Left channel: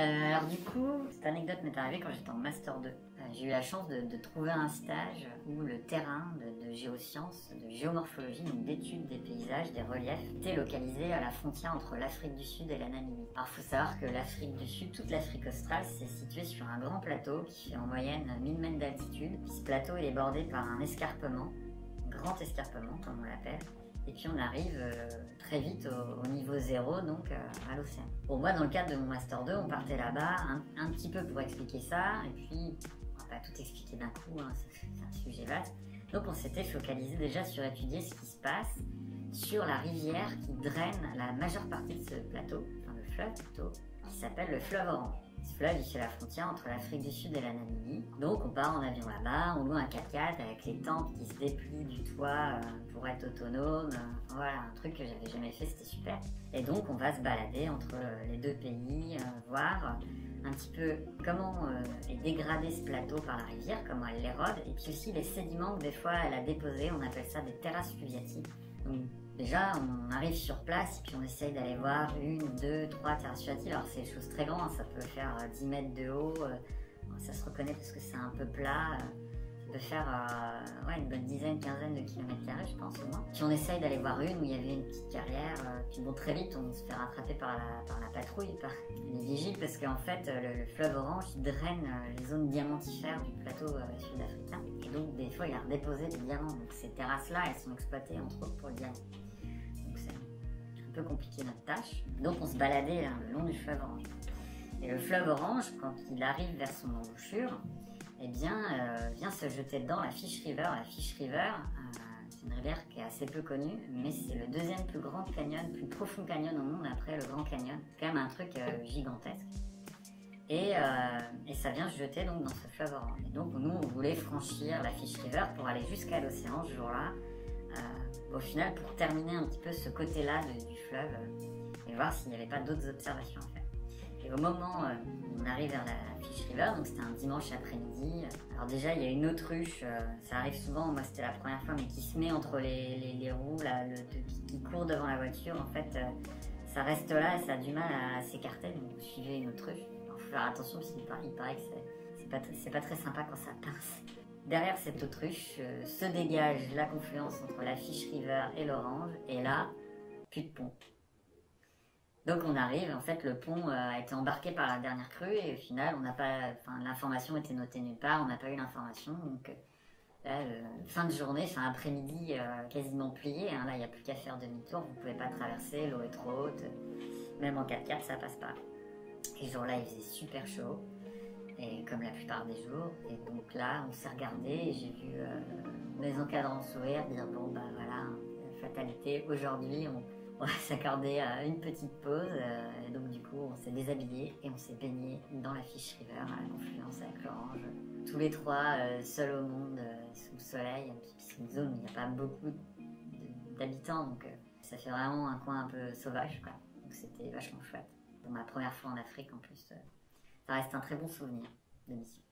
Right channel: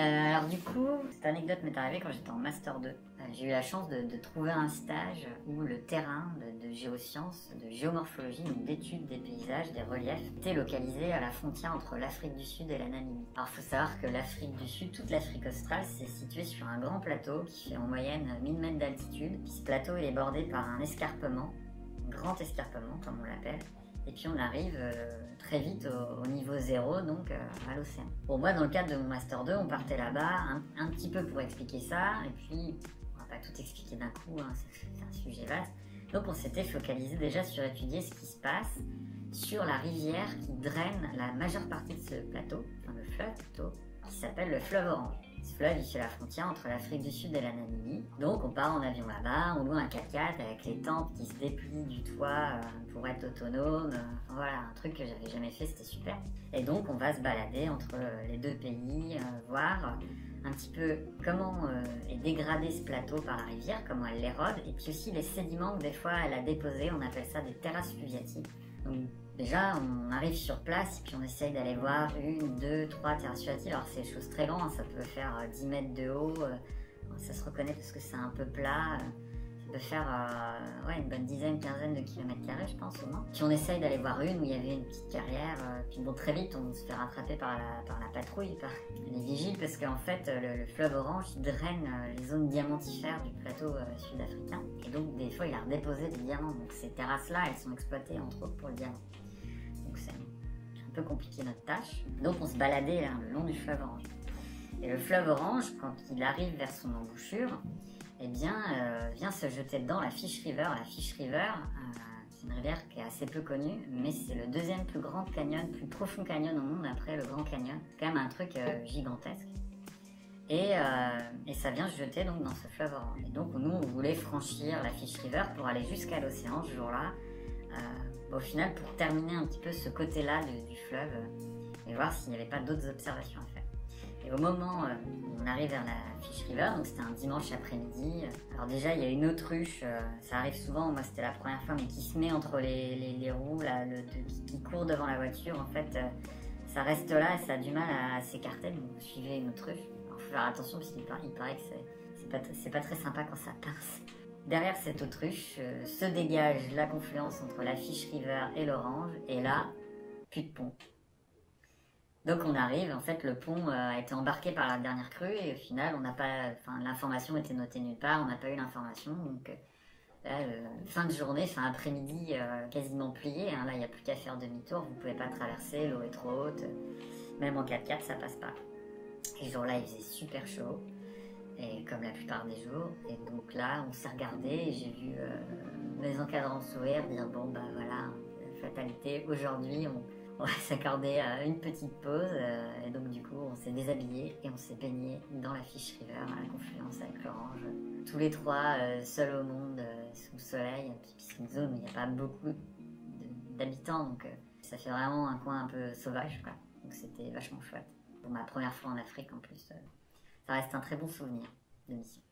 Alors du coup, cette anecdote m'est arrivée quand j'étais en Master 2. J'ai eu la chance de trouver un stage où le terrain de géosciences, de géomorphologie, donc d'études des paysages, des reliefs, était localisé à la frontière entre l'Afrique du Sud et la Namibie. Alors il faut savoir que l'Afrique du Sud, toute l'Afrique australe, c'est situé sur un grand plateau qui fait en moyenne 1000 mètres d'altitude. Ce plateau il est bordé par un escarpement, grand escarpement comme on l'appelle. Et puis on arrive très vite au niveau 0, donc à l'océan. Pour moi, dans le cadre de mon Master 2, on partait là-bas un petit peu pour expliquer ça, et puis on va pas tout expliquer d'un coup, hein, c'est un sujet vaste. Donc on s'était focalisé déjà sur étudier ce qui se passe sur la rivière qui draine la majeure partie de ce plateau, donc le fleuve plutôt, qui s'appelle le fleuve Orange. Ce fleuve, il fait la frontière entre l'Afrique du Sud et la Namibie. Donc on part en avion là-bas, on loue un 4x4 avec les tentes qui se déplient du toit pour être autonome. Voilà, un truc que j'avais jamais fait, c'était super. Et donc on va se balader entre les deux pays, voir un petit peu comment est dégradé ce plateau par la rivière, comment elle l'érode, et puis aussi les sédiments que des fois elle a déposés, on appelle ça des terrasses fluviatiques. Donc déjà on arrive sur place et puis on essaye d'aller voir une, deux, trois terrasses fluviatiques. Alors c'est des choses très grandes, ça peut faire 10 mètres de haut, ça se reconnaît parce que c'est un peu plat. Ça peut faire une bonne dizaine, quinzaine de kilomètres carrés, je pense, au moins. Puis on essaye d'aller voir une où il y avait une petite carrière, puis bon, très vite on se fait rattraper par la patrouille, par les vigiles, parce qu'en fait le fleuve Orange draine les zones diamantifères du plateau sud-africain, et donc des fois il a redéposé des diamants, donc ces terrasses-là elles sont exploitées entre autres pour le diamant. Donc c'est un peu compliqué notre tâche. Donc on se baladait là, le long du fleuve Orange. Et le fleuve Orange, quand il arrive vers son embouchure, eh bien, vient se jeter dedans la Fish River. La Fish River, c'est une rivière qui est assez peu connue, mais c'est le deuxième plus grand canyon, plus profond canyon au monde après le Grand Canyon. C'est quand même un truc gigantesque. Et ça vient se jeter donc dans ce fleuve Orange. Et donc nous, on voulait franchir la Fish River pour aller jusqu'à l'océan ce jour-là. Au final, pour terminer un petit peu ce côté-là du fleuve et voir s'il n'y avait pas d'autres observations à faire. Et au moment où on arrive vers la Fish River, donc c'était un dimanche après-midi, alors déjà il y a une autruche, ça arrive souvent, moi c'était la première fois, mais qui se met entre les roues, là, qui court devant la voiture, en fait ça reste là et ça a du mal à s'écarter, donc vous suivez une autruche. Il faut faire attention parce qu'il paraît que c'est pas très sympa quand ça pince. Derrière cette autruche se dégage la confluence entre la Fish River et l'Orange, et là, plus de pont. Donc on arrive, en fait le pont a été embarqué par la dernière crue et au final on n'a pas, l'information était notée nulle part, on n'a pas eu l'information, donc fin de journée, fin après-midi quasiment plié, hein, là il n'y a plus qu'à faire demi-tour, vous ne pouvez pas traverser, l'eau est trop haute, même en 4x4 ça passe pas. Les jours là il faisait super chaud, et comme la plupart des jours, et donc là on s'est regardé et j'ai vu mes encadrants sourire, dire bon bah voilà, fatalité, aujourd'hui on va s'accorder une petite pause, et donc du coup on s'est déshabillé et on s'est baigné dans la Fish River à la confluence avec l'Orange. Tous les trois seuls au monde, sous le soleil, c'est une zone où il n'y a pas beaucoup d'habitants, donc ça fait vraiment un coin un peu sauvage, quoi. Donc c'était vachement chouette. Pour ma première fois en Afrique en plus, ça reste un très bon souvenir de mission.